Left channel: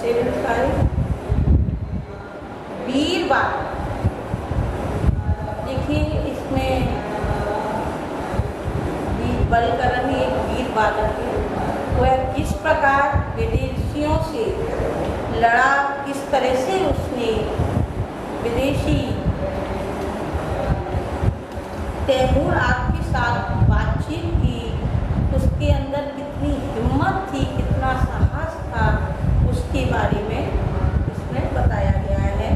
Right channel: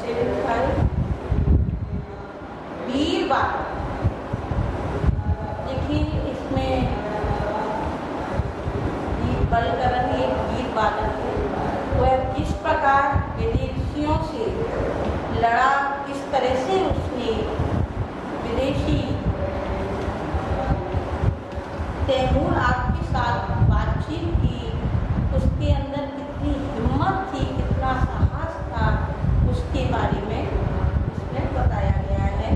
75 वीर बालक। देखिए इसमें बलकरण एक वीर बालक है। वह किस प्रकार विदेशियों से लड़ा, किस तरह से उसने विदेशी तैमूर आपके साथ बातचीत की, उसके अंदर कितनी हिम्मत थी, कितना साहस था, उसके बारे में इसमें बताया गया है।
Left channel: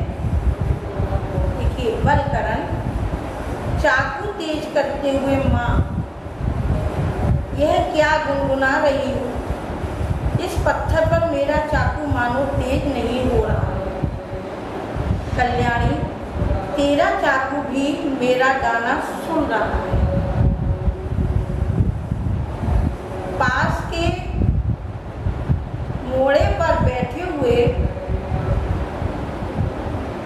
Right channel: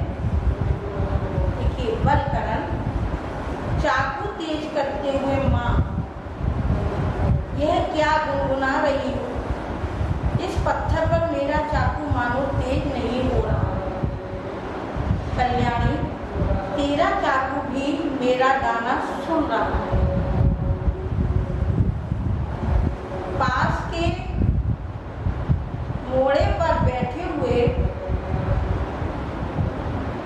देखिए बलकरण, चाकू तेज करते हुए माँ, यह क्या गुनगुना रही हूँ? इस पत्थर पर मेरा चाकू मानो तेज नहीं हो रहा है। कल्याणी, तेरा चाकू भी मेरा गाना सुन रहा है। पास के मोड़े पर बैठे हुए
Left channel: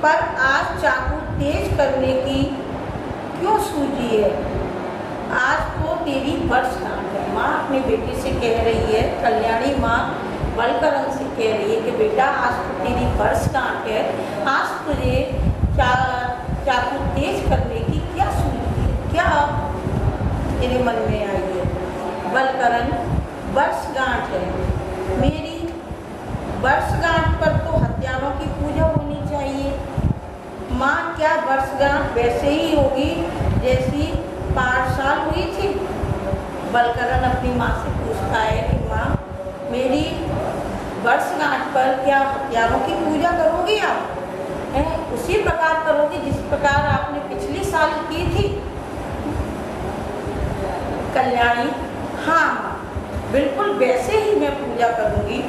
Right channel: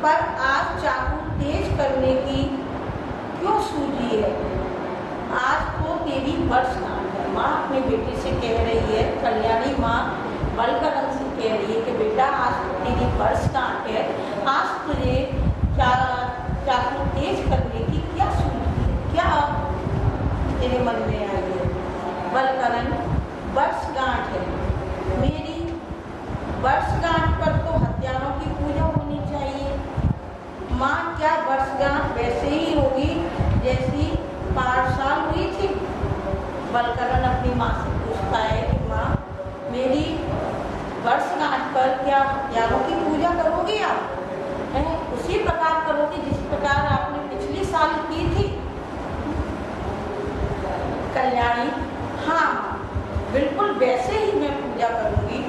पर आज चाकू तेज करने की क्यों सूझी है? आज तो तेरी वर्षगांठ है। माँ अपने बेटे से कह रही है, कल्याणी माँ बलकरण से कह रही है कि बेटा आज तो तेरी वर्षगांठ है, आज तुझे चाकू तेज करने की क्या सूझी है, क्या तेरे मन में आई है? बलकरण, वर्षगांठ है मेरी, वर्षगांठ पर तो हत्यारों की पूजा होनी चाहिए। माँ, क्या वर्षगांठ वैसे ही होगी जैसी 5 साल हुई थी? बलकरण अपनी माँ से पूछता है कि माँ, मेरी वर्षगांठ पर क्या हत्यारों की पूजा करोगी आप? है उसी प्रकार करोगी जिस प्रकार आपने पिछली साल की थी? कल्याणी, हाँ बिल्कुल वैसे ही मैं पूजा करूंगी।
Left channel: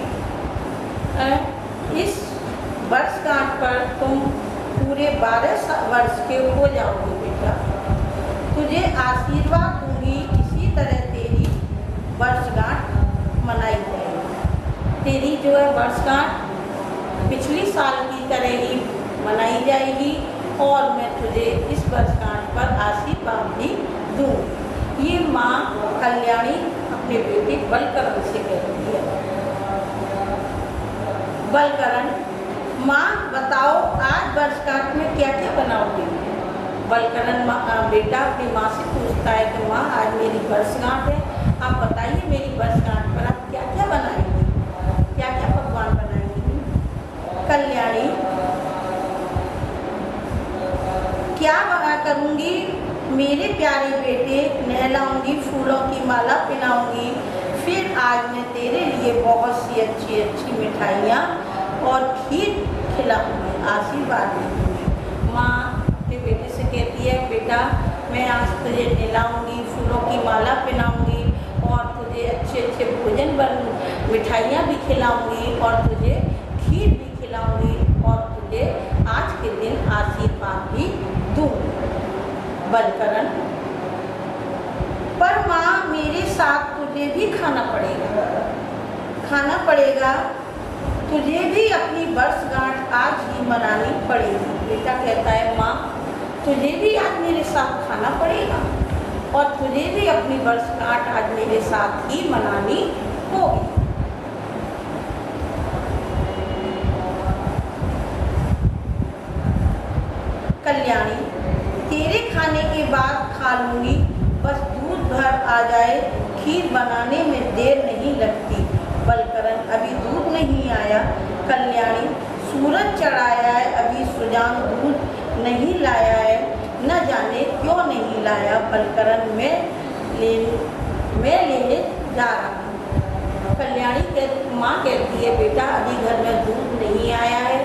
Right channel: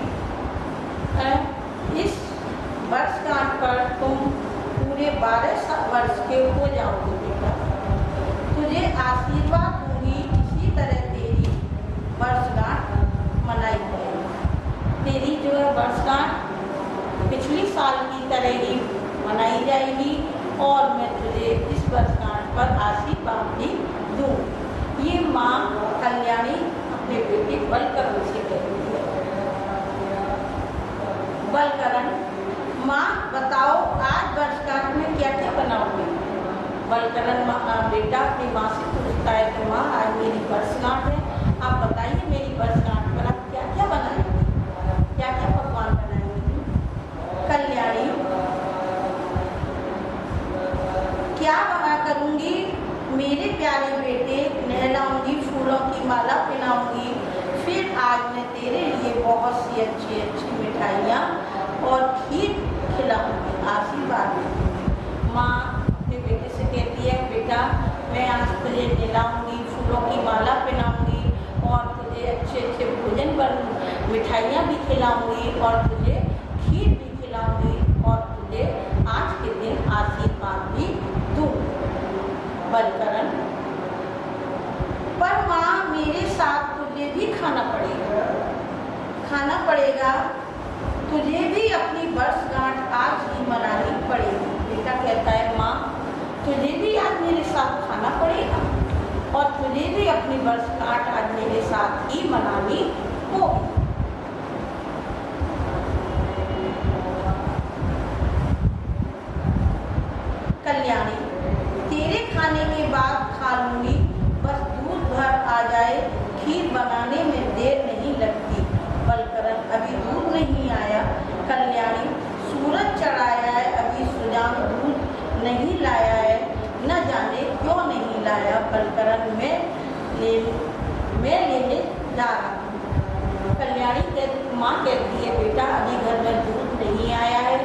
इस वर्षगांठ पर तुम पूरे 12 वर्ष के हो जाओगे बेटा। तुझे आशीर्वाद दूंगी, इसी तरह तेरी वर्षगांठ मनाई जाएगी। तेरी जो है वर्षगांठ पिछली साल की तरह ही मनाई जाएगी और मैं तुझे इस वर्षगांठ पर आशीर्वाद भी दूँ। ये माँ कल्याणी अपने बेटे बलकरण से कहती है। बलकरण, माँ बताओ आज वर्षगांठ में क्या क्या बनाओगे? बलकरण बेटा अपनी माँ से पूछता है कि माँ आज मेरी वर्षगांठ है, आप बताइए मेरी वर्षगांठ पर आप क्या क्या बनाएंगे, क्या क्या पकवान बनाएंगे? कल्याणी, क्या बना करूँगी मेरे प्यारे बेटे, नहलाऊंगी, फूलों की माला पहनाऊंगी, फिर आज मैं तेरे लिए बहुत सी अच्छी अच्छी मिठाइयाँ और खीर खिलाऊंगी, आशीर्वाद दूंगी। माँ अपने बेटे से कहती है, बेटा मैं आज तुझे नहलाऊंगी, फूलों की माला पहनाऊंगी और तुझे अच्छे अच्छे भोजन मिठाइयाँ भी खिलाऊंगी और तुझे खीर भी खिलाऊंगी और तुझे आज के दिन आशीर्वाद भी दूंगी। बलकरण, पर माँ मेरे साथ तुझे भी खाना पड़ेगा, तुझे भी अपनी वर्षगांठ आज ही मनानी पड़ेगी। बेटा कहता है, माँ तुझे भी आज मेरे साथ खाना पड़ेगा और तुझे भी अपनी वर्षगांठ आज मेरे साथ ही मनानी होगी। कल्याणी, तेरे खाने के बाद खा लूंगी, बस दूध भर आ जाए, खीर बनाने में देर नहीं लगती। बलकरण, अभी दूध नहीं आया। कल्याणी, सूरज चढ़ाया है, अभी सुजान दूध नहीं लाया है, न जाने क्यों नहीं लाया। बलकरण, मैं लेने जा रहा हूँ। कल्याणी माँ कहती है, बेटा अभी घर में दूध नहीं आया है,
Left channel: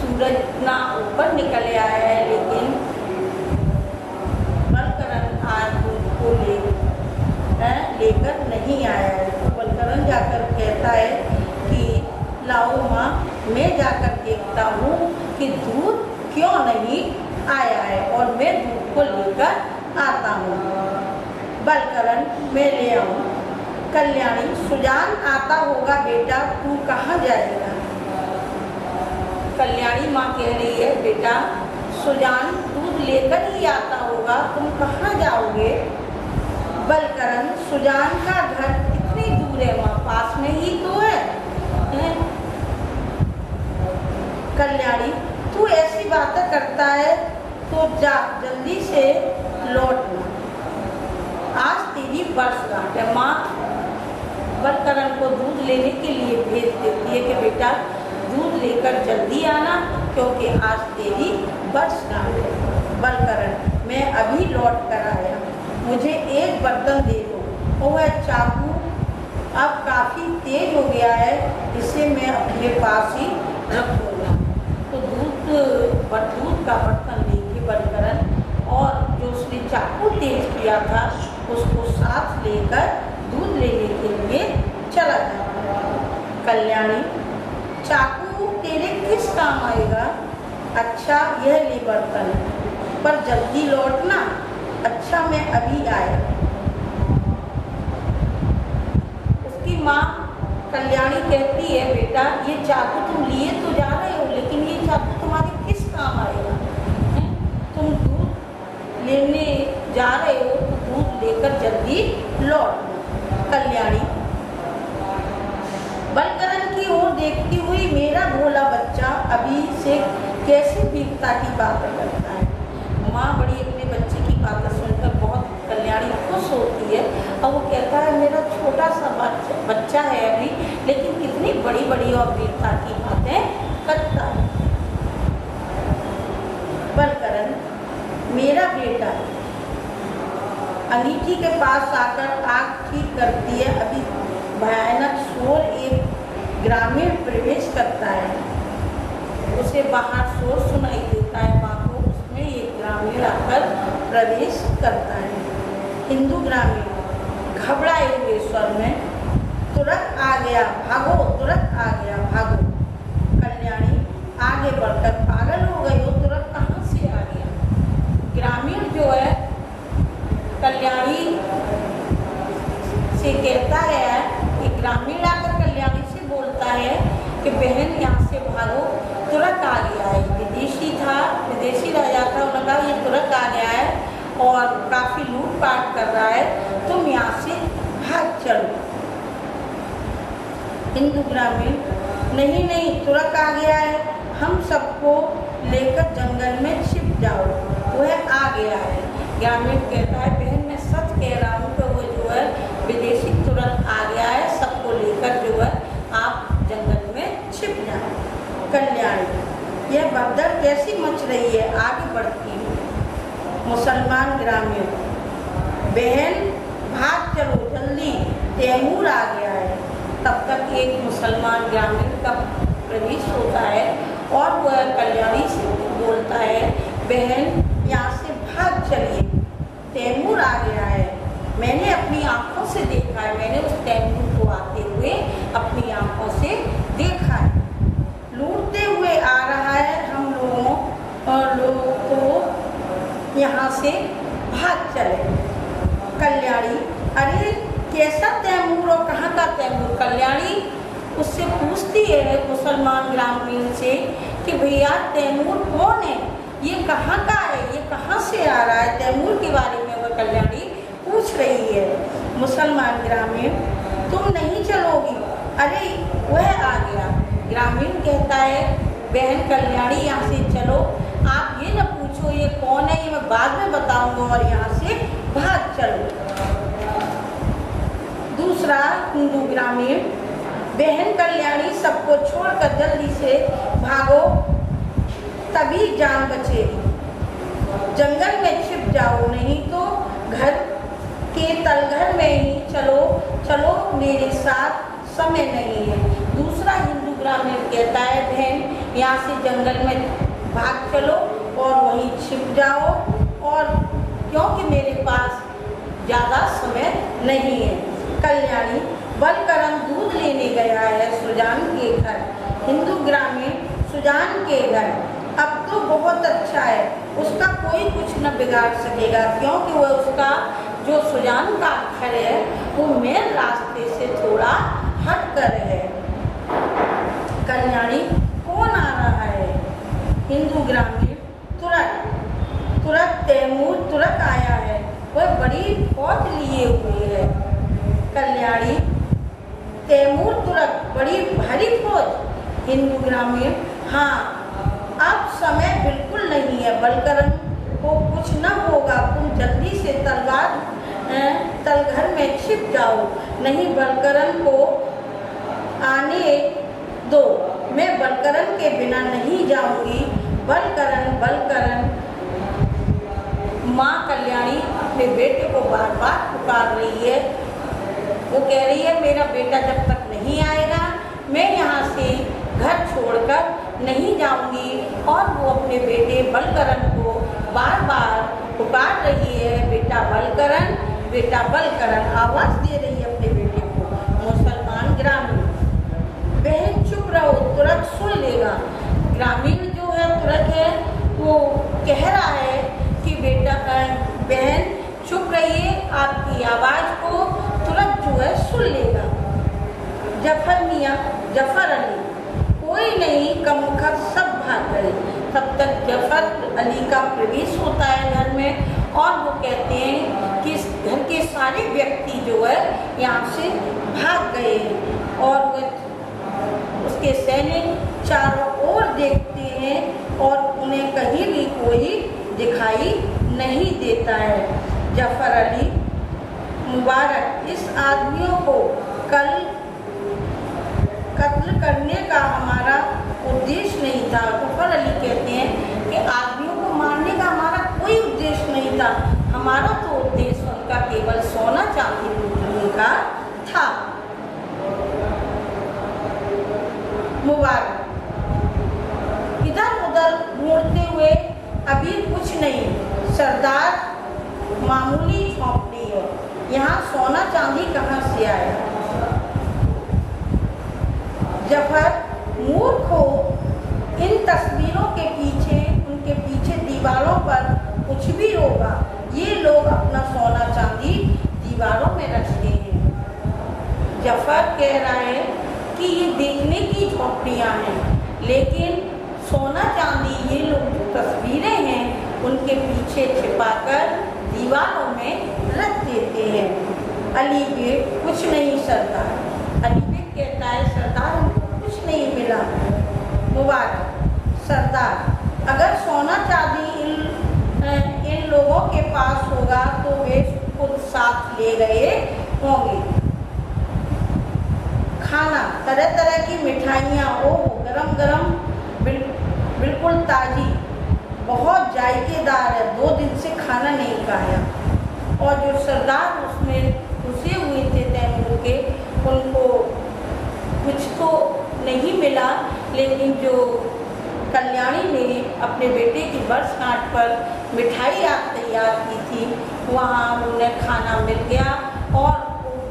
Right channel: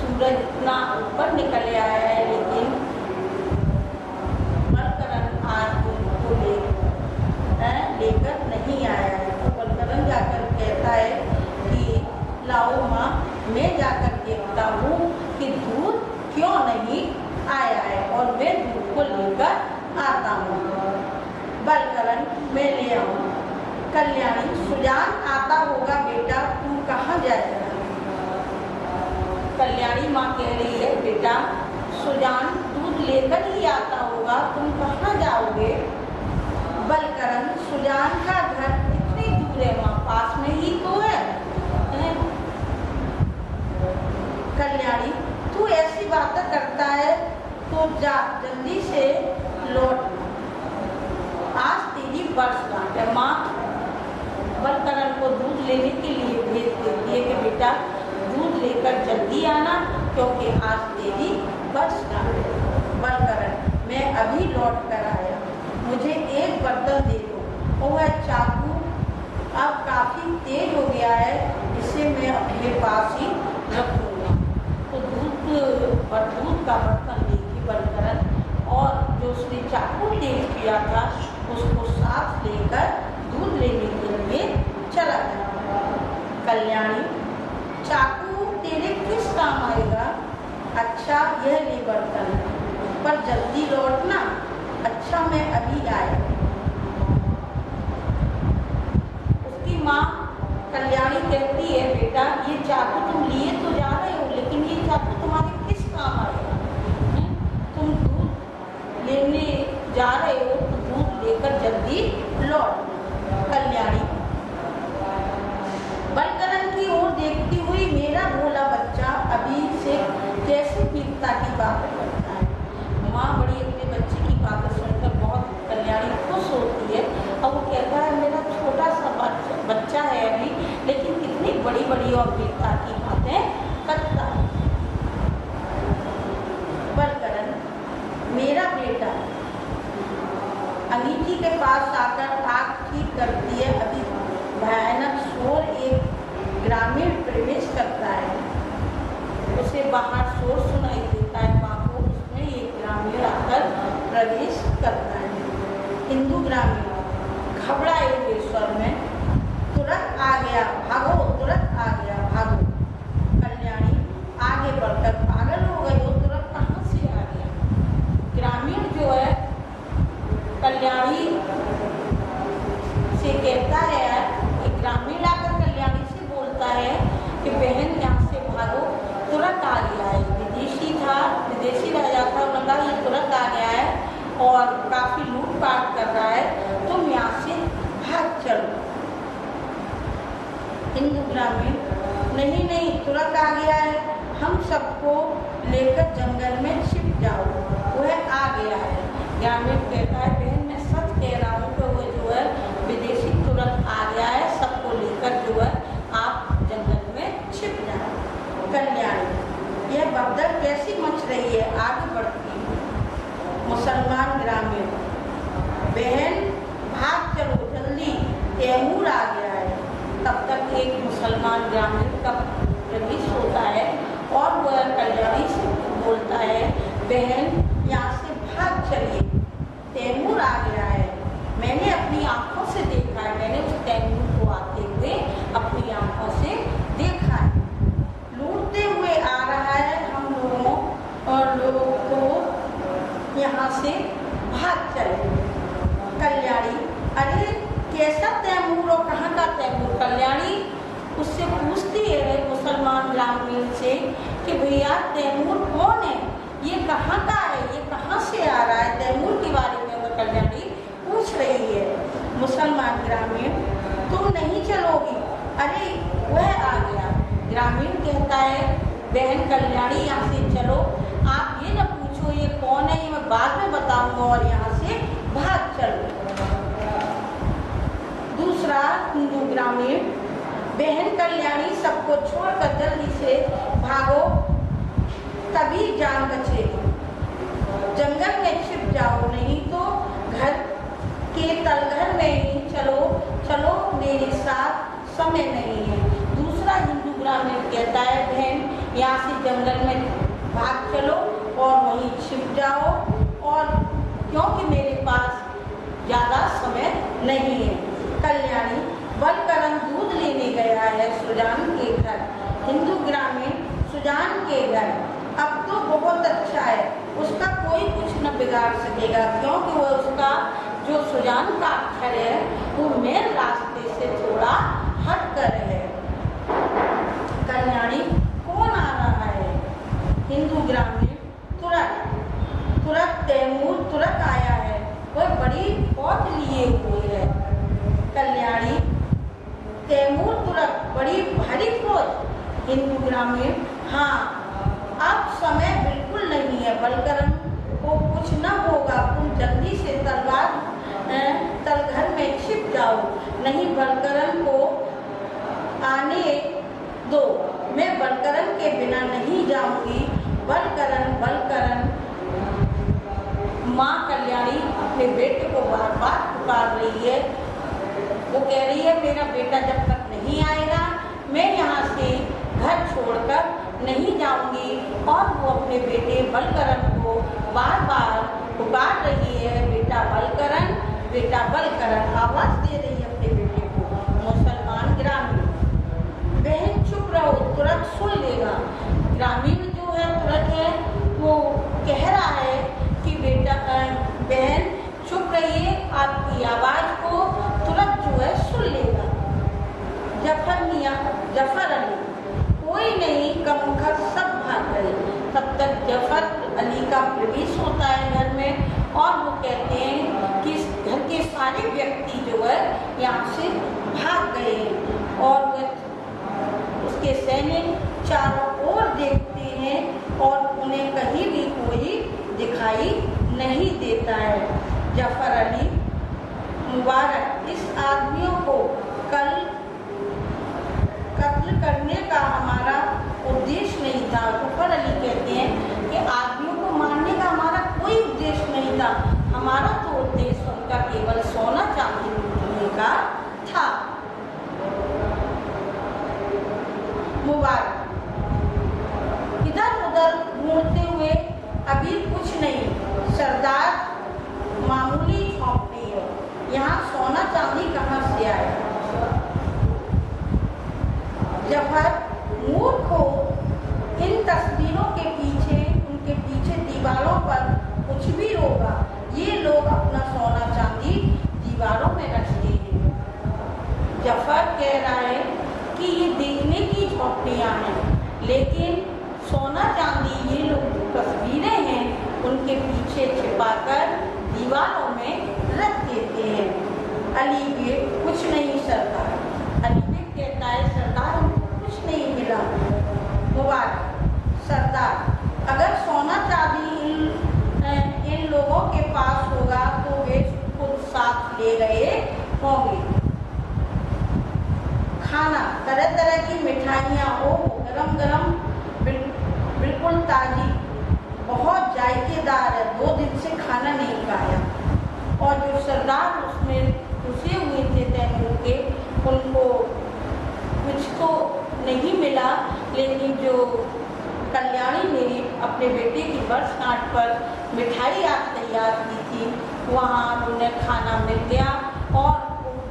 सूरज इतना ऊपर निकल आया है, लेकिन बलकरण आज दूध को लेकर नहीं आया है। तो बलकरण जाकर कहता है कि लाओ माँ, मैं जाकर देखता हूँ कि दूध क्यों नहीं आया है और मैं दूध को लेकर आता हूँ। बलकरण, मैं ले आऊँ। कल्याणी, सुजान आता होगा बेटा, तू कहाँ जाएगा? कल्याणी माँ कह रही है, बेटा सुजान दूध लेकर ही आता होगा, तुम कहाँ जाओगे? बलकरण, सुजान का घर कितनी दूर है? माँ पास में ही तो है। कल्याणी, तू ऐसी बातें करता है तो जा जल्दी से लौटना, आज तेरी वर्षगांठ है। माँ बलकरण को दूध लेने के लिए भेज देती है कि बेटा दूध लेकर जल्दी आना, क्योंकि आज तेरी वर्षगांठ है। बलकरण, मैं अभी लौट कर आया, मुझे एक बर्तन दे दो। वह चाकू अब काफी तेज हो गया है, इसे मैं अपने पास ही रख दूंगा। तो दूध का बर्तन लेके बलकरण और जो उसने चाकू तेज किया था उसको साथ लेकर दूध लेने के लिए चला जाता है। कल्याणी, चाकू तेरे किस काम आएगा? अच्छा, यह ले बर्तन, पर जल्दी लौटना। अच्छा, मैं अभी आया। उसकी माँ कल्याणी कहती है, बेटा ये चाकू तुम लिए तो जा रहे हो, लेकिन ये चाकू तुम्हारे किस काम आएगा? तुम दूध लेने जा रहे हो तो दूध लेकर जल्दी लौट। कल्याणी बलकरण की ओर देखती हुई, मेरा भोला बच्चा अभी से कैसी वीरता की बातें करता है। माँ बड़ी अपने बच्चे की बातें सुनकर बहुत कल्याणी खुश होती है और वो कहता है, मेरा छोटा सा बच्चा है अभी, लेकिन कितनी बड़ी बड़ी और वीरता की बातें करता है। बलकरण, मेरा बेटा अंगीठी के पास आकर आग ठीक करती है। अभी भयानक शोर एक ग्रामीण प्रवेश करता है, उसे बाहर शोर सुनाई देता है। बापू, उसमें एक ग्रामीण आकर प्रवेश करता है। हिंदू ग्रामीण घबराए हुए स्वर में, तुरंत आ गया, भागो, तुरंत आ गया, भागो। कल्याणी आगे बढ़कर, पागल हो गई हो, तुरंत कहाँ से आ गया? ग्रामीण जो है कल्याणी से कहता है, एक ग्रामीण आकर कल्याणी से बोलता है कि बहन यहाँ से भागो, तुरंत आ गया है। विदेशी राजा था, उन्होंने कहा ये तुरंत आ गया है और काफी लूटपाट कर रहा है, तुम यहाँ से भाग चलो। हिंदू ग्रामीण, नहीं नहीं, तुरंत आ गया है, हम सबको लेकर जंगल में छिप जाओ, वह आ गया है। ग्रामीण कहता है, बहन मैं सच कह रहा हूँ कि वो जो है विदेशी तुरंत आ गया है, सबको लेकर जो है आप जंगल में छिप जाए। कल्याणी, यह भगदड़ कैसी मच रही है? आगे बढ़ती है। मुसलमान ग्रामीण, बहन भाग चलो जल्दी, तैमूर आ गया है। तब तक एक मुसलमान ग्रामीण का प्रवेश होता है और वह कल्याणी से बोलता है, बहन यहाँ से भाग चलिए, तैमूर आ गया है। मैंने अपनी आंखों से देखा है, मैंने उस तैमूर को आते हुए अपनी आंखों से देखा है, लूटते हुए आ रहा है, हम लोगों को यहाँ से भाग चले। कल्याणी, अरे कैसा तैमूर और कहाँ का तैमूर? कल्याणी उससे पूछती है मुसलमान ग्रामीण से कि भैया तैमूर कौन है, ये कहाँ का है, ये कहाँ से आ रहा है? तैमूर के बारे में वह कल्याणी पूछ रही है। मुसलमान ग्रामीण, तुम नहीं चलोगी? अरे वह आ गया। ग्रामीण कहता है, बहन कल्याणी यहाँ से चलो, आप ये न पूछो ये कौन है, ये मैं बाद में बताऊंगा, और यहाँ से भाग चलो। दूसरा हिंदू ग्रामीण, बहन कल्याणी सबको छोड़कर जल्दी से भागो, तभी जान बचेगी, जंगल में छिप जाओ, नहीं तो घर के तलघर में ही चलो चलो, मेरे साथ समय नहीं है। दूसरा हिंदू ग्रामीण कहता है, बहन यहाँ से जंगल में भाग चलो और वहीं छिप जाओ, और क्योंकि मेरे पास ज्यादा समय नहीं है। कल्याणी, बलकरण दूध लेने गया है सुजान के घर। हिंदू ग्रामीण, सुजान के घर, अब तो बहुत अच्छा है, उसका कोई कुछ न बिगाड़ सकेगा, क्योंकि वह उसका जो सुजान का घर है वो मेन रास्ते से थोड़ा हट कर है। कल्याणी, कौन आ रहा है? हिंदू ग्रामीण, तुरंत तैमूर तुरंत आया है, वह बड़ी फौज लिए हुए है। कल्याणी, तैमूर तुरंत, बड़ी भारी फौज? हिंदू ग्रामीण, हाँ अब समय बिल्कुल नहीं है, बलकरण को कुछ न होगा, तुम जल्दी से तलघर में छिप जाओ, नहीं बलकरण को आने दो, मैं बलकरण के बिना नहीं जाऊंगी। बलकरण माँ कल्याणी अपने बेटे को बार बार पुकार रही है। वो कह रही है मेरा बेटा जब तक नहीं आएगा मैं यहाँ से घर छोड़कर नहीं जाऊंगी। और वो अपने बेटे बलकरण को बार बार पुकार रही है, बेटा बलकरण आवाज दे रही है अपने बेटे को। मुसलमान ग्रामीण, बहन चुप रहो, तुरंत सुन लेगा। ग्रामीण जो है तुरंत है वो कह रहा है कि बेटा बहन चुप रहिए, आपकी आवाज को तुरंत जो है सुन लेगा। जफर अली, कोई नहीं, कमबख्त सब भाग गए। तब तक जफर अली का प्रवेश होता है घर में और वो कहते हैं कि घर के सारे व्यक्ति जो है यहाँ से भाग गए हैं। और उसके सैनिक चारों ओर देखते हैं और उन्हें कहीं भी कोई दिखाई नहीं देता है। जफर अली मुबारक, इस आदमियों को कत्ल करने का हमारा उद्देश्य नहीं था। जफर अली कहते हैं कि आदमियों को मारने का हमारा कोई उद्देश्य नहीं था, हमारा तो उद्देश्य उनका केवल सोना चांदी लूटने का था। मुबारक इधर उधर ढूंढते हुए, अभी कुछ नहीं, सरदार मामूली झोंपड़ी है, यहाँ सोना चांदी कहाँ से आया। जफर मूर्ख हो, इन तस्वीरों के पीछे, उनके पीछे दीवारों पर कुछ भी होगा, ये लोग अपना सोना चांदी दीवारों में रखते हैं। जफर कह रहा है कि ये देखने की झोपड़ियाँ हैं, लेकिन सोना चांदी ये लोग जो तस्वीरें हैं उनके पीछे छिपाकर दीवारों में रख देते हैं। अली बेग, कुछ नहीं सरदार। अली बेग कहता है सरदार हमको कुछ नहीं मिला। मुबारक, सरदार अगर सोना चांदी इन लोगों के पास होगा तो वे खुद साथ ले गए होंगे। खाना, तरह तरह की मिठाइयाँ, वो गरम गरम, बिल्कुल ताजी, बहुत जायकेदार है, 2 दिन से खाना नहीं खाया। और जो सरदार उसमें घुसे हुए थे तैमूर के, उनको कुछ तो नहीं मिला, लेकिन जो कल्याणी ने अपने बेटे की वर्षगांठ पर मिठाई तैयार की थी वहाँ उन्हें खाना मिल गया। और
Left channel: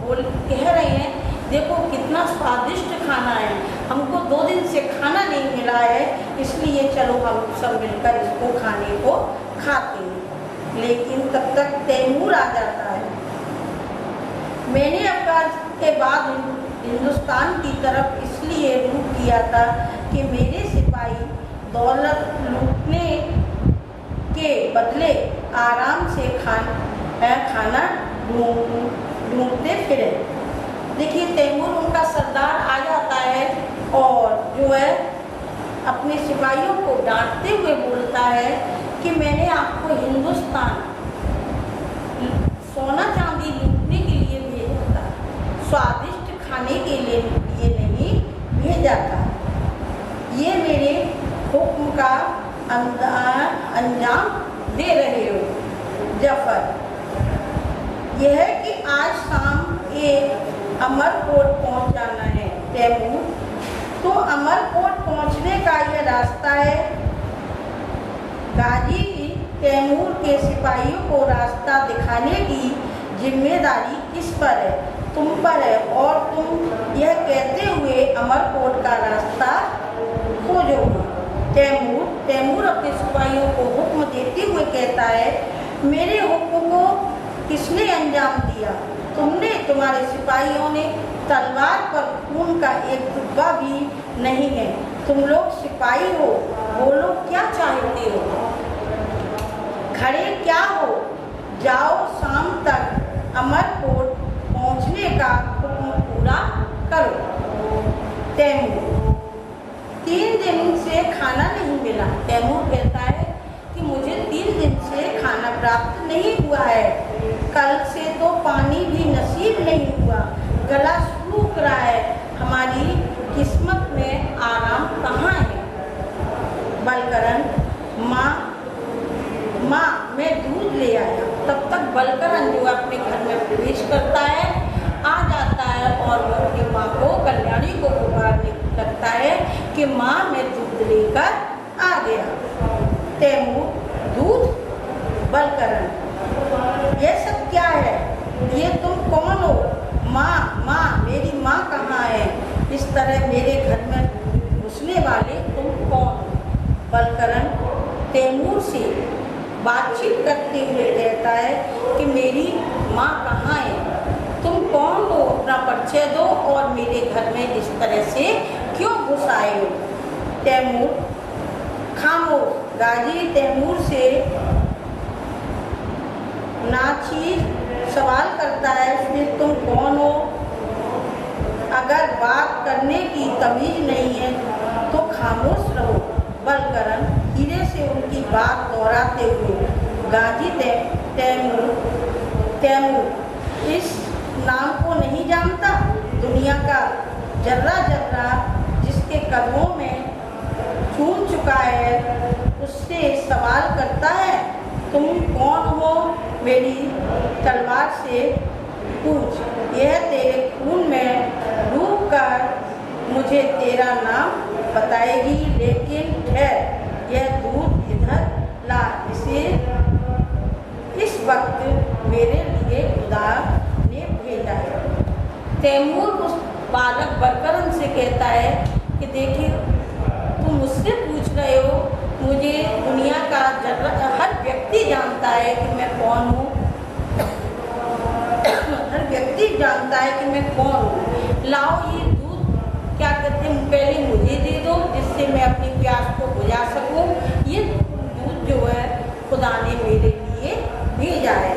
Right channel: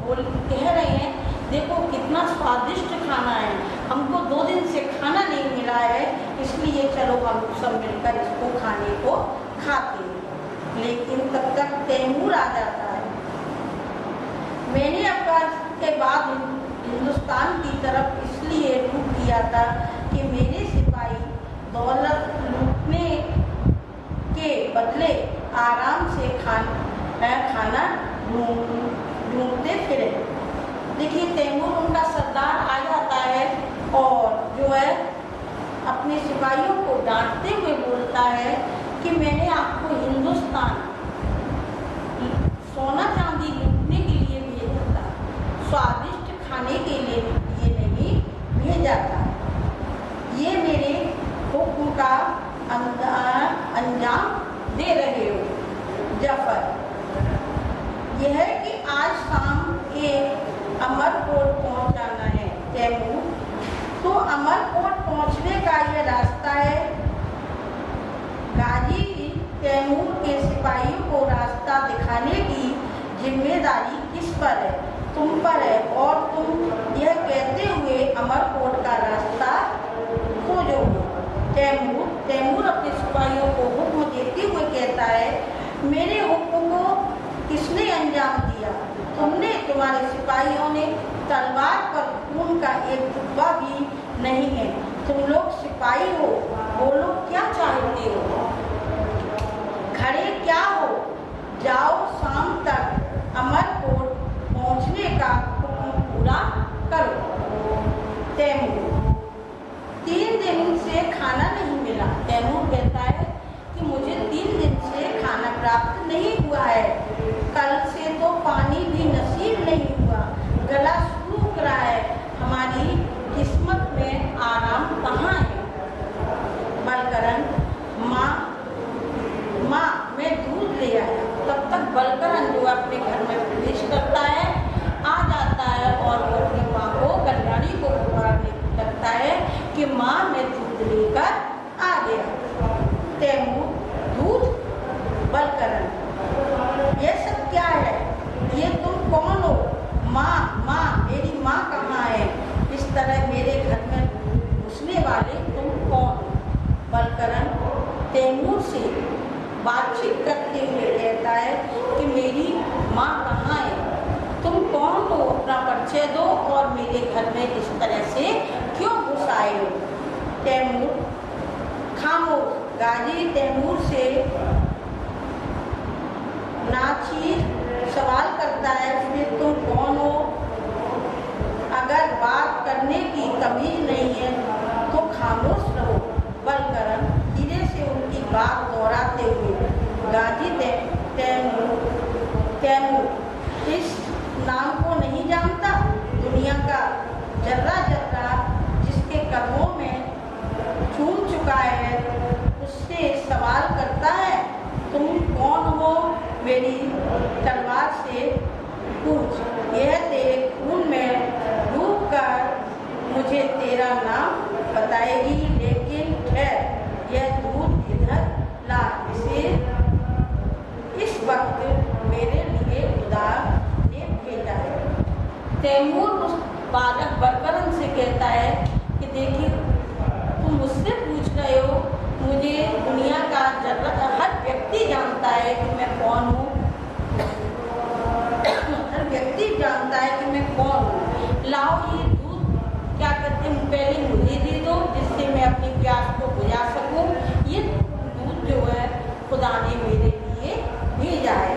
वो कह रहे हैं देखो कितना स्वादिष्ट खाना है, हमको 2 दिन से खाना नहीं मिला है, इसलिए चलो हम सब मिलकर इसको खाने को खाते हैं। लेकिन तब तक तैमूर आ जाता है। मैंने अफगानिस्तान के बाद हिंदुस्तान की तरफ इसलिए रुख किया था कि मेरे सिपाही दौलत लूटने के बदले आराम से खाना ढूंढते फिरे। देखिए तैमूर उनका सरदार आ जाता है और जो है अपने सिपाहियों को डांटते हुए बोलता है कि मैंने आपको हिंदुस्तान सोना चांदी लूटने के लिए भेजा था, स्वादिष्ट खाने के लिए नहीं भेजा था। ये मेरे हुक्म का अंजाम दे रहे हो। जफर, यह है कि आज शाम एक अमरकोट पहुंच जाना है। तैमूर, तो अमरकोट पहुंचने का यह रास्ता है। गाजी तैमूर के सिपाहियों को रास्ता दिखाने की जिम्मेदारी किस पर है? तुम पर है, और तुम यह कहते हुए अमरकोट का रास्ता खोजोगे। तैमूर अपने सिपाहियों को हुक्म देते हुए कहता है, मेरे हुक्म को किसने अंजाम दिया? तुमने, तुम्हारे सिपाहियों ने। तलवार पर खून का एक टुकड़ा भी नहीं है। तुम लोग सिपाही हो, बोलो क्या चाहते हो? खड़े क्या हो? जाओ, शाम तक अमरकोट पहुंचने का हुक्म पूरा करो। तैमूर, 3 दिन से मुझे खाना नहीं मिला। तैमूर कहता है कि मुझे 3 दिन से खाना प्राप्त नहीं हुआ है, कल से तो पानी भी नसीब नहीं हुआ, गला सूख रहा है, हमारी किस्मत में आराम कहाँ है। बलकरण, माँ मैं दूध ले आया। तब तक बलकरण जो अपने घर में प्रवेश करता है, आ जाता है और वो अपनी माँ को, कल्याणी को पुकारने लगता है कि माँ मैं दूध लेकर आ गया। तैमूर, दूध? बलकरण, ये सब क्या है? ये तुम कौन हो? माँ, मेरी माँ कहाँ है? इस तरह मेरे घर में घुसने वाले तुम कौन हो? बलकरण तैमूर से बातचीत करते हुए कहता है कि मेरी माँ कहाँ है, तुम कौन हो, अपना परिचय दो और मेरे घर में इस तरह से क्यों घुस आए हो। तैमूर, खामोश। गाजी तैमूर से नाचीज सवाल करता है, इसलिए तुम कौन हो? अगर बात करने की तमीज नहीं है तो खामोश रहो। बलकरण धीरे से उनकी बात दोहराते हुए, गाजी तैमूर इस नाम को नहीं जानता? दुनिया का जर्रा जर्रा जिसके कदमों में छूट चुका है उससे सवाल करता है, तुम कौन हो? मेरी तलवार से पूछ। यह तेरे खून में डूब कर मुझे तेरा नाम बताएगी, लेकिन ठहर, यह दूध इधर ला, इसे इस वक्त मेरे लिए खुदा ने भेजा है। तैमूर उस बालक बलकरण से कहता है कि देखिए, तुम मुझसे पूछ रहे हो, मुझे दुनिया का हर व्यक्ति जानता है कि मैं कौन हूँ, हर व्यक्ति जानता है कि मैं कौन हूँ। लाओ ये दूध, क्या कहते हैं, पहले मुझे दे दो जिससे मैं अपनी प्यास को बुझा सकूं। ये दूध जो है खुदा ने मेरे लिए भेजा है।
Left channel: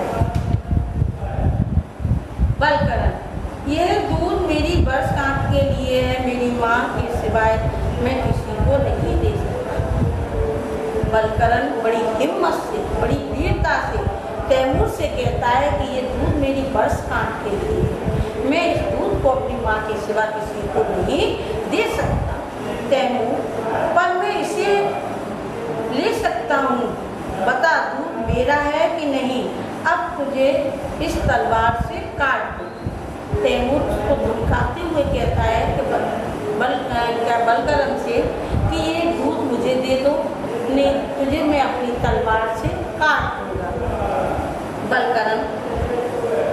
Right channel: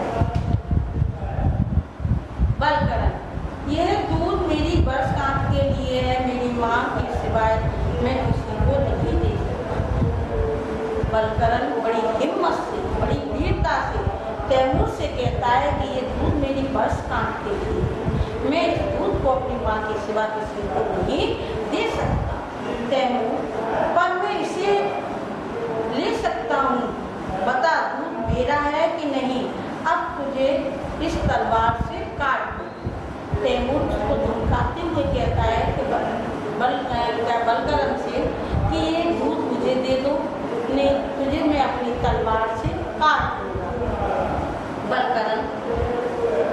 बलकरण, यह दूध मेरी बरसात के लिए है, मेरी माँ के सिवाय मैं किसी को नहीं दे सकता। बलकरण बड़ी हिम्मत से, बड़ी वीरता से तैमूर से कहता है कि ये दूध मेरी बरसात के लिए है, मैं इस दूध को अपनी माँ के सिवा किसी को नहीं दे सकता। तैमूर, पर मैं इसे ले सकता हूँ, बता दूध मेरा है कि नहीं, अब तुझे इस तलवार से काट दो। तैमूर उसको धमकाते हुए कहता है कि बलकरण से कि ये दूध मुझे दे दो, ने तुझे मैं अपनी तलवार से काट दूंगा। बलकरण,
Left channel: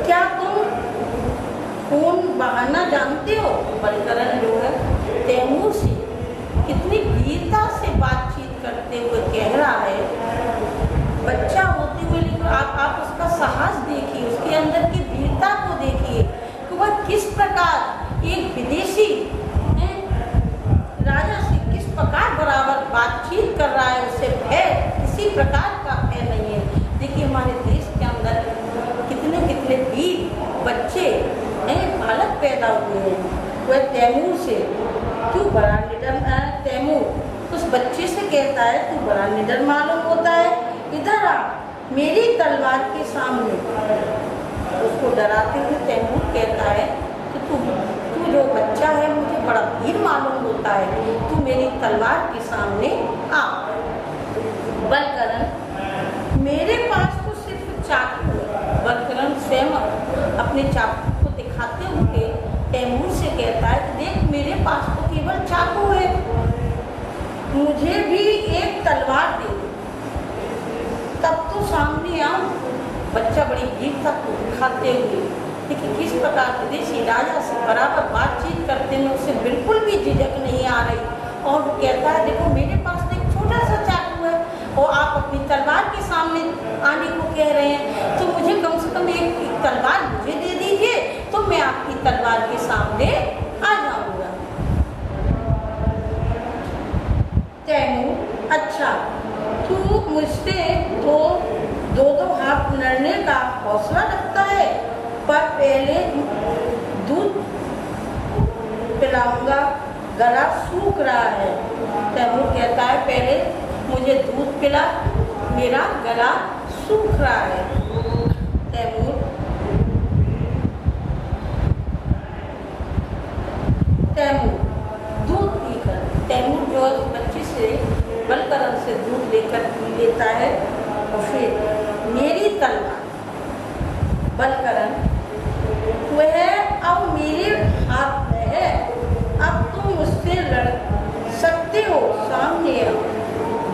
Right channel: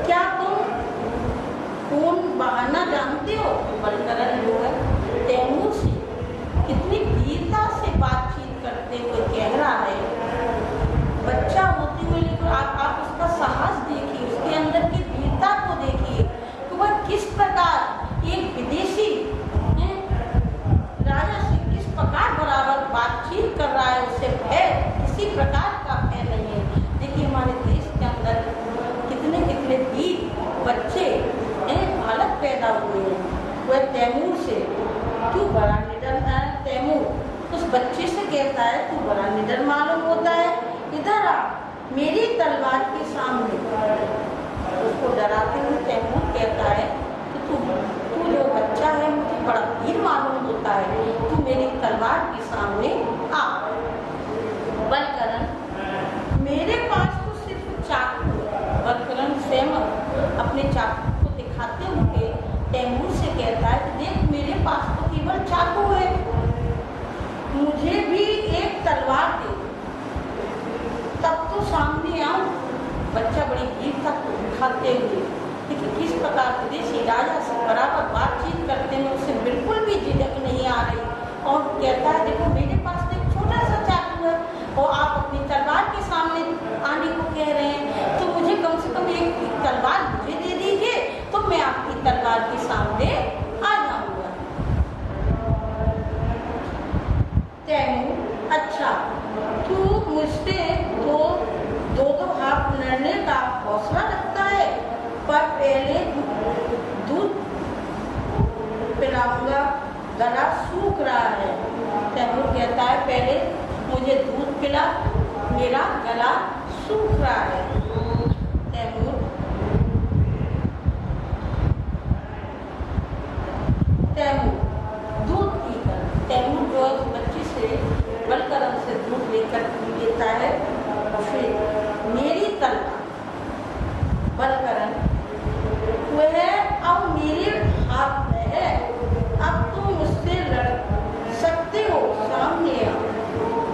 क्या तुम खून बहाना जानते हो? बलकरण जो है तैमूर से कितनी वीरता से बातचीत करते हुए कह रहा है, बच्चा होते हुए, लेकिन आप उसका साहस देखिए, उसके अंदर की वीरता को देखिए कि वह किस प्रकार एक विदेशी राजा से किस प्रकार बराबर बातचीत कर रहा है, उससे भय किसी प्रकार का भय नहीं है। देखिए हमारे देश के अंदर कितने कितने वीर बच्चे बालक पैदा हुए हैं, वह तैमूर से तू बड़ा निडर है। तैमूर उस बच्चे से कहता है, तू बड़ा निडर मालूम होता है, इधर आ मेरी तलवार के सामने। उसको डराते हुए तैमूर कहता है कि तू जो बच्चा है मुझे बड़ा वीर मालूम होता है, तू मेरी तलवार के सामने आ। बलकरण, मेरे पास तो सिर्फ चाकू है। बलकरण स्वयं अपने चाकू को दिखाते हुए तैमूर से कहता है कि देख, मेरे पास तो केवल चाकू है, मुझे भी एक तलवार दे, तब तो सामने आओ। बच्चा बड़ी वीरता को दिखाते हुए, लेकिन किस प्रकार विदेशी राजा से बराबर बातचीत करते हैं, उसे बिल्कुल भी झिझक नहीं आ रही, और कहता है देखो मेरे पास तो एक छोटा सा चाकू है और आप अपनी तलवार के सामने आने को कह रहे हैं, तो मुझे कम से कम एक तलवार मुझे दे दीजिए, तो मैं आपकी तलवार के सामने आ जाऊंगा। तैमूर, अच्छा तू मुझसे दो हाथ लड़ने का हौसला रखता है, पर पहले दूध पिलाऊंगा। गला सूख रहा है। तैमूर कहता है पहले मुझे दूध पिला, मेरा गला सूख रहा है। तैमूर दूध पीकर तैमूर जो है बच्चे से बलकरन से दूध लेकर पी लेता है। और फिर मेरी तलवार बलकरन वह अब मेरे हाथ में है, अब तुम मुझसे लड़ सकते हो, सामने आओ।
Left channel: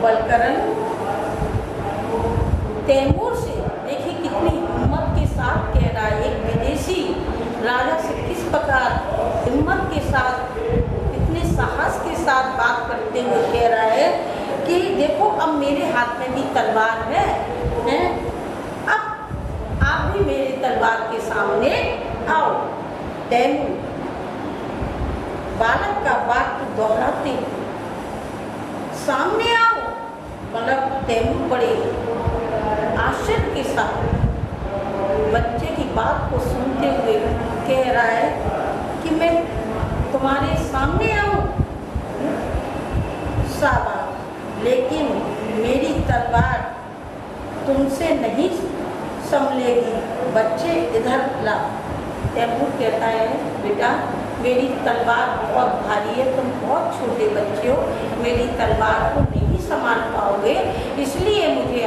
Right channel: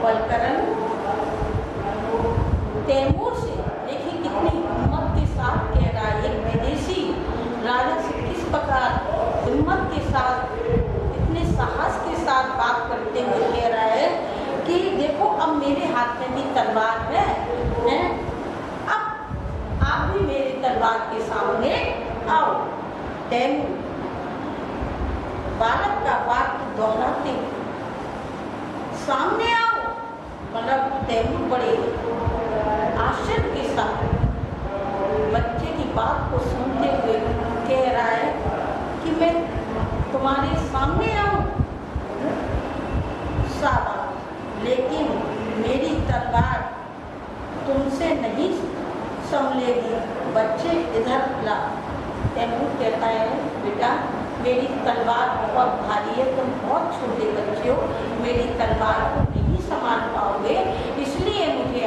बलकरन तैमूर से देखिए कितनी हिम्मत के साथ कह रहा है। एक विदेशी राजा से किस प्रकार हिम्मत के साथ, इतने साहस के साथ बात करते हुए कह रहा है कि देखो अब मेरे हाथ में भी तलवार है, अब आप भी मेरी तलवार के सामने आओ। तैमूर बालक का बात दोहराते सामने आओ, मतलब तैमूर बड़े आश्चर्य के साथ बच्चे की बात को सुनते हुए कह रहा है कि मैं तुम्हारे सामने आऊं। शाबाश, लेकिन मेरी तलवार तुमसे नहीं संभलेगी। बच्चे इधर ला। तैमूर कहता है बेटा मेरी तलवार बहुत भारी है, तुम बहुत छोटे बच्चे हो, मेरी तलवार को नहीं संभाल पाओगे, इसलिए मुझे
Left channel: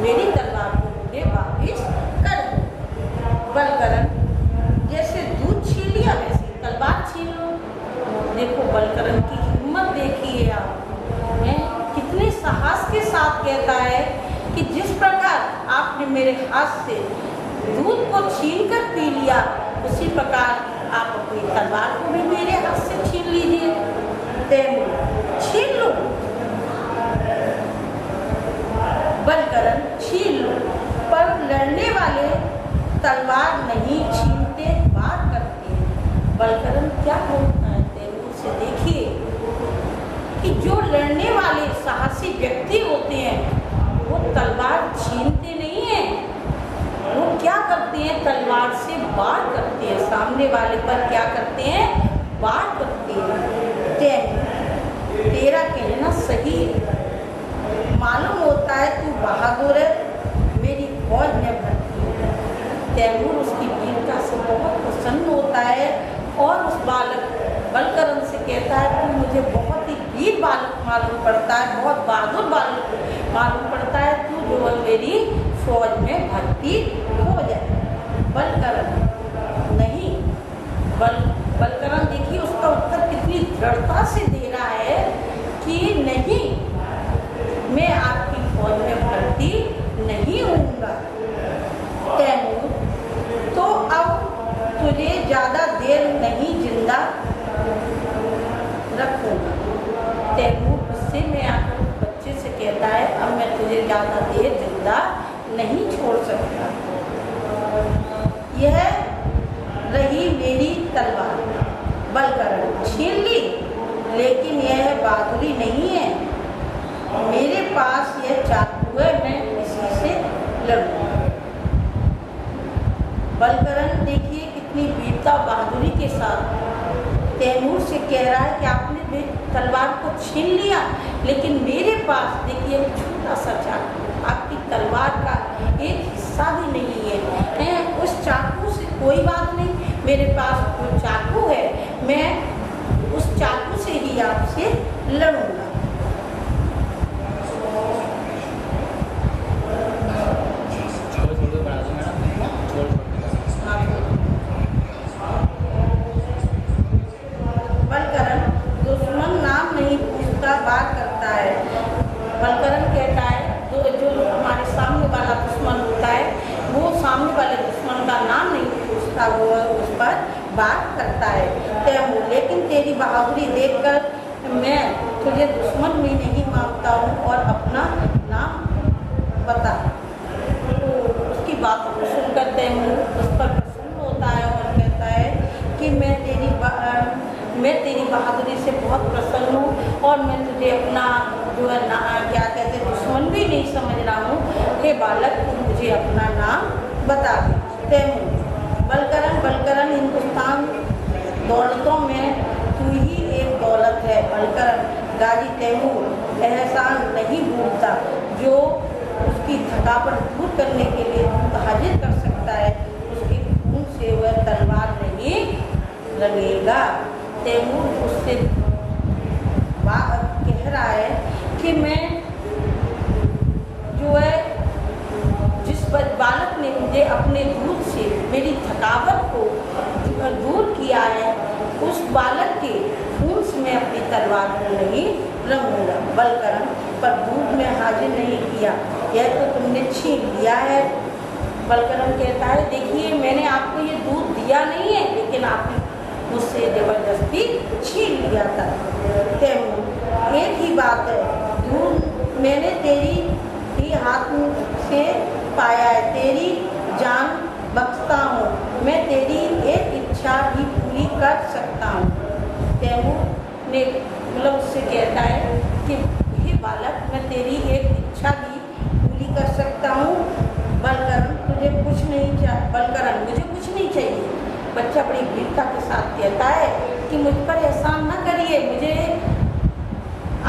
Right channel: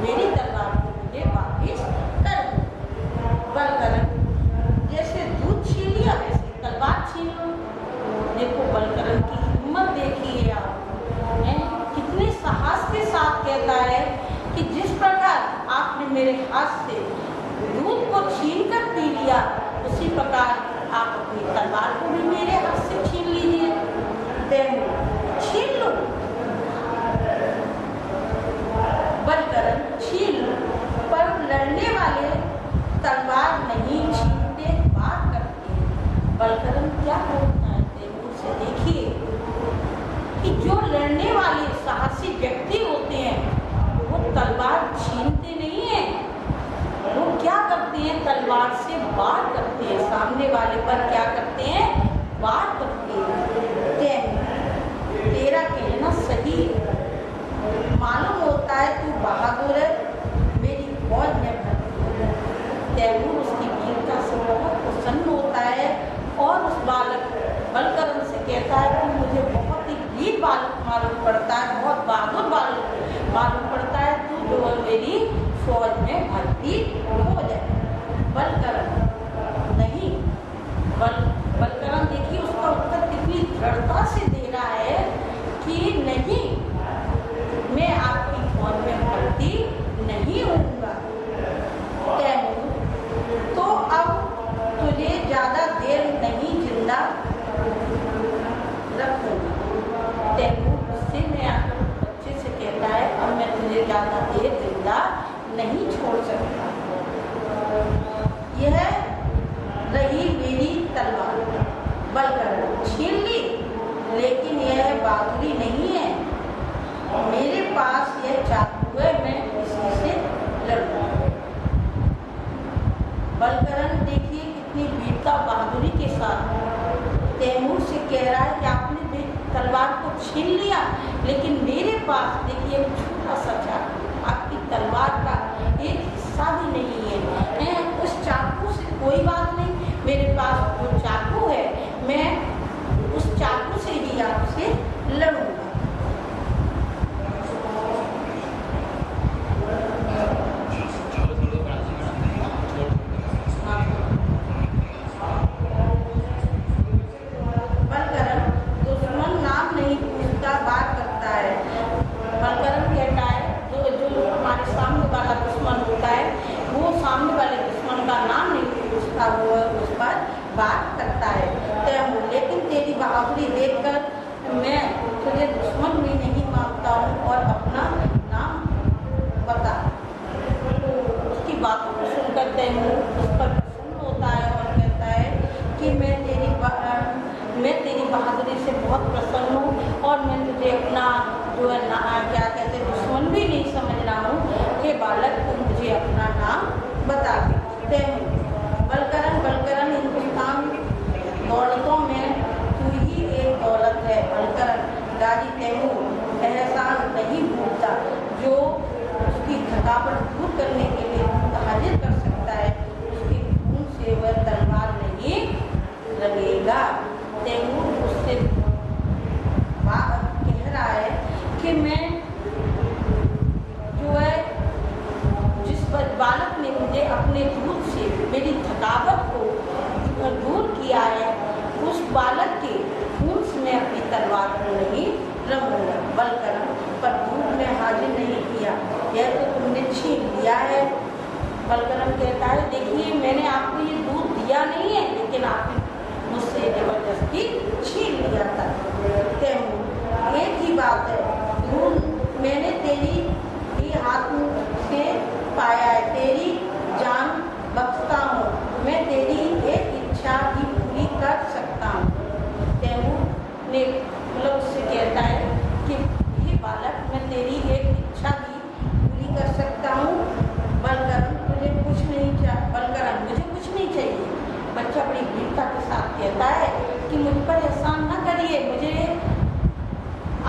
मेरी तलवार को मुझे वापिस कर दो। बलकरन जैसे दूध छीन लिया वैसे तलवार छीन लो। देखो बलकरन की हिम्मत देखिए आप, कितने साहस के साथ कहता है कि जिस प्रकार आपने मेरे हाथ से दूध को छीन कर पी लिया, उसी प्रकार आप अपनी तलवार को भी मेरे हाथ से छीन लीजिए। तैमूर छीन लो, बलकरन छीन लो, पर लड़ने वाले तलवार नहीं छीनते, बात करते हैं। बलकरन क्या बोलता है तैमूर से, देखिए कि जो लड़ने वाले साहसी व्यक्ति होते हैं वो तलवार छीनते नहीं हैं, वो क्या करते हैं तलवार से वार करते हैं, सामने वाले पर क्या करते हैं, वार करते हैं। तैमूर तेरा कहना सही मालूम होता है, तू बहादुर है, मेरी फौज में भर्ती है। तैमूर उसकी वीरता से बहुत प्रसन्न होता है और उस बालक बलकरन से कहता है तू मुझे बहुत ही वीर बालक मालूम पड़ता है, बहुत बहादुर बालक मालूम पड़ता है, तू जो है मेरी फौज में भर्ती हो जाए। बलकरन नहीं, बलकरन देखिए उसका उत्तर कितनी दृढ़ता से दे रहा है कि नहीं, मैं आपकी फौज में भर्ती नहीं होऊंगा। तैमूर तो अब तुझे ज्यादा देर नहीं जिंदा रखूंगा। तैमूर गुस्से में आकर बच्चे से कहता है अब मैं तुझे ज्यादा देर जिंदा नहीं छोड़ सकता। यह रही मेरी तलवार, बलकरन छीन ली, लेकिन यह बहादुरी नहीं है, मेरे पास यह चाकू है, मैं इसी से लड़ूंगा। बलकरन देखिए कितनी वीरता बहादुरी के साथ तैमूर से कह रहा है कि आपने मेरी तलवार को छीन लिया, लेकिन मेरे पास देखिए छोटा सा चाकू, आपकी तलवार का एक हिस्सा भी नहीं है, उस चाकू से कोई बात नहीं, मेरे पास जो चाकू है मैं उस चाकू से ही आपसे लड़ूंगा। बलकरन दुश्मन नाम नहीं पूछता, बात करता है। बलकरन कहता है जो हमारे सामने वाला दुश्मन होता है वो सामने वाले दुश्मन का नाम नहीं पूछता, वो उस पर बात करता है। तैमूर लेकिन तेरी बहादुरी देखकर मैं तुझे दुश्मन भी नहीं मानता हूँ और अपना नाम बता। तो उसकी बात को सुनकर तैमूर उस पर प्रसन्न होता है और कहता है कि मैं तेरी बहादुरी से बहुत प्रसन्न हूँ और मैं तुझे अपना जो है ना क्या कहते हैं दुश्मन भी नहीं समझ रहा हूँ। हे बालक तू मुझे अपना नाम बता दे। तैमूर बलकरन हिंदुस्तान दौलतों में तू ही एक दौलत गाजी तैमूर एहसान नहीं भूलता। जो उसकी थकावट दूर करने के लिए दूध हाजिर कर सकता है, उसके खून से वह तलवार नहीं लगेगा। तैमूर उससे कह रहा है कि मैं जो है जिस बालक ने मुझे अपने दूध से मेरी थकावट को दूर किया है, उस बालक के खून से मैं अपनी तलवार को नहीं रंगूंगा। बलकरण पर दूध में हाजिर नहीं किया, यह तो तुमने छीन लिया है। बलकरण कहता है, देखिए मैंने आपको ये दूध दिया नहीं है, लेकिन आपने मुझसे जबरदस्ती छीन लिया था। तैमूर, एक ही बात है, दूध मैंने तेरी ही हाथ से पाया है, तेरी जान बख्शता हूँ, मैं तेरी एक इच्छा भी पूरी कर सकता हूँ। तैमूर ने मतलब उससे कहता है कि हे बालक, मैं तेरी एक इच्छा भी पूरी कर सकता हूँ। बलकरण, तुझे कुछ नहीं चाहिए। बलकरण, मुझे कुछ नहीं चाहिए। बच्चा बड़ी वीरता के साथ कहता है कि मुझ पर एहसान न करिए, मुझे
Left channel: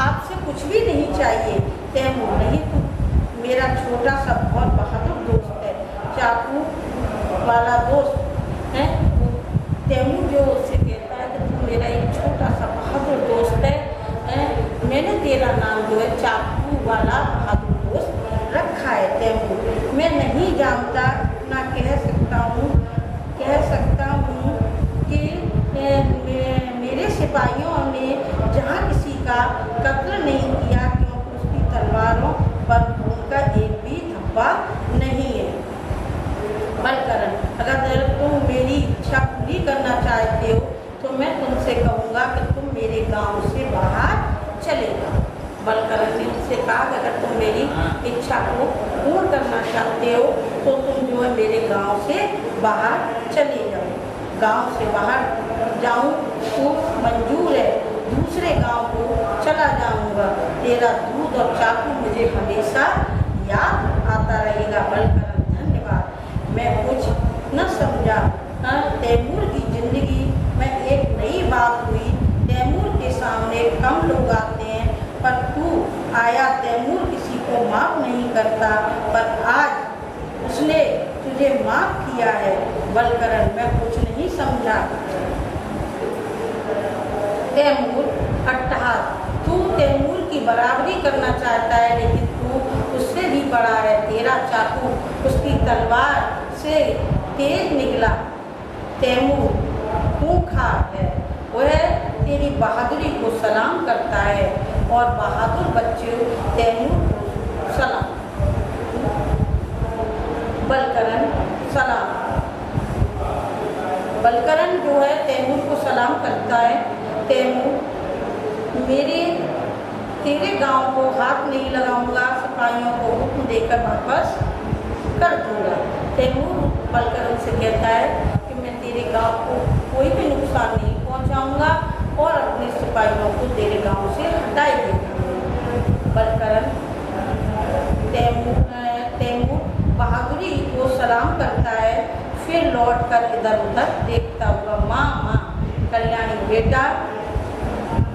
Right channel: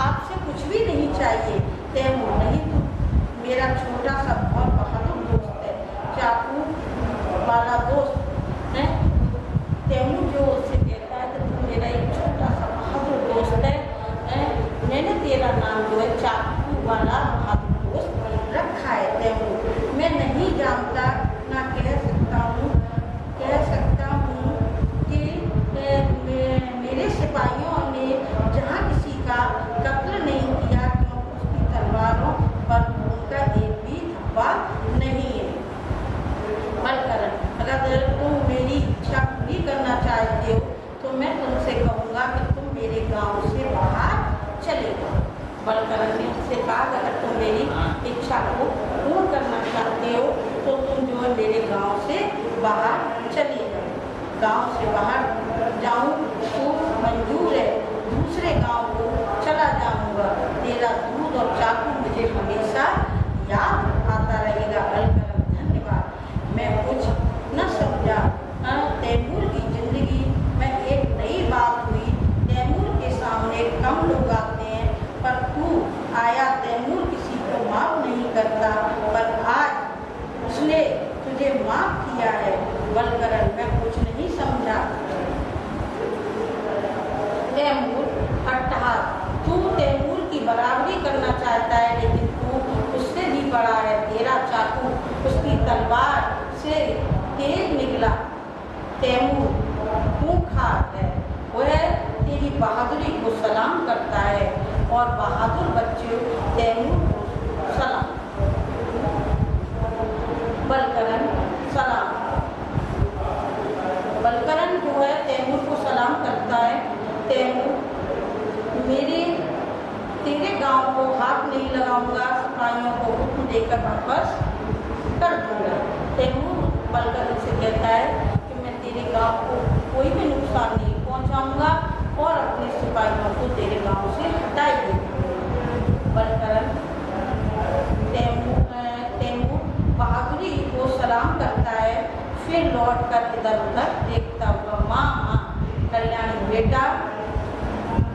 आपसे कुछ भी नहीं चाहिए। तैमूर, नहीं, मेरा छोटा सा बहुत बहादुर दोस्त है, चाकू वाला दोस्त है। तैमूर जो उससे कहता है कि तू मेरा एक छोटा सा बहादुर दोस्त है, मैंने तेरा नाम जो है चाकू वाला बहादुर दोस्त रखा है। तैमूर, मैं नहीं जानता, ना कह सकता हूँ कि मेरे सिपाहियों ने जहाँ किसी का कत्ल नहीं किया, क्योंकि उसकी तलवारों पर खून का एक भी धब्बा नहीं है। बलकरण, अगर तुम मेरी इच्छा पूरी करना चाहते हो तो मैं तुमसे कहूँगा कि तुम मेरे गांव से बाहर चले जाओ। बलकरण ने उससे कहा कि अगर तुम मेरी इच्छा को पूर्ण करना चाहते हो तो तुम जो है मेरे गांव से बाहर चले जाओ। गांव से बाहर जाऊं तो मंजूर है, दूसरे गांव को चला जाऊंगा। तेरा दूध और चाकू मुझे हमेशा याद आता रहेगा। बलकरण, धन्यवाद, मैं कुछ न समझा। तैमूर की जिंदगी में एक नई बात हुई। तैमूर के सामने कम लोग आते हैं, पर तू आया। तैमूर किसी को माफ नहीं करता, पर आज उसने तुझे माफ किया है। बलकरण, मैं कुछ नहीं समझा। तैमूर, अट्टहास, तू तैमूर की बराबरी करना चाहता है, लेकिन तू उससे भी बड़ा है। तेरा चाकू उसकी तलवार से तेज निकला। तैमूर खूंखार है, वह तेरी बहादुरी को सलाम करता है और बहादुर बच्चे तैमूर को सलाम। बलकरण, सलाम। बलकरण जो है तैमूर को सलाम करता है। तैमूर, तेरे गांव को हाथ नहीं लगाऊंगा, सिपाहियों को हुक्म देकर वापस कर दूंगा। तैमूर बलकरण से कहता है कि मैं तेरे गांव को कोई भी नुकसान नहीं पहुंचाऊंगा और अपने सिपाहियों को तेरे गांव से हटाए देगा। बलकरण तैमूर बहादुरी को सलाम करता है, फिर लौटकर इधर उधर देखता हुआ, माँ माँ। कल्याणी, बेटा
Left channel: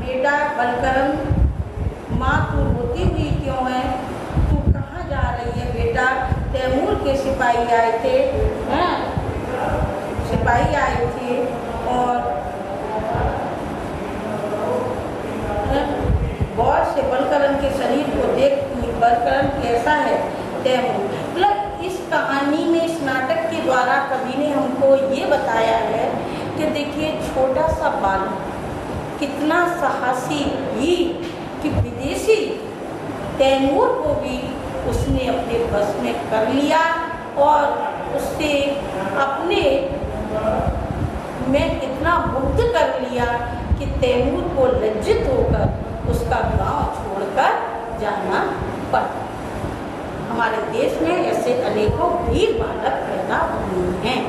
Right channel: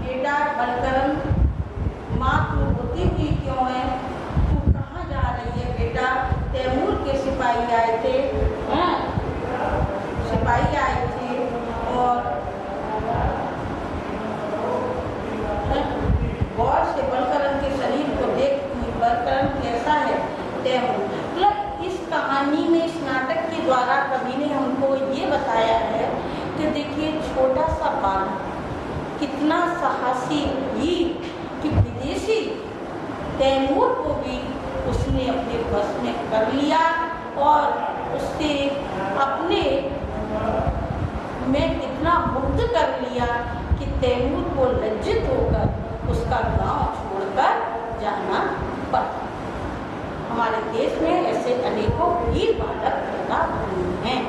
बेटा। बलकरण, माँ तू रोती हुई क्यों है? तू कहाँ जा रही है बेटा? तैमूर के सिपाही आए थे, सिपाही आए थे और गौर से बलकरण के शरीर को देख, बलकरण कैसा है? तैमूर। मतलब इस कहानी में, इस नाटक के द्वारा कवि ने हमको ये बताया है कि देखिए छोटा सा बालक कितना साहसी ही कि विदेशी तैमूर को भी उसने अपने बस में कर लिया और उससे अपने में इतना मुग्ध कर लिया कि तैमूर को लज्जित होकर उसका गांव छोड़कर जाना पड़ा। हमारे देश में ऐसे अनेकों वीर बालक पैदा हुए हैं।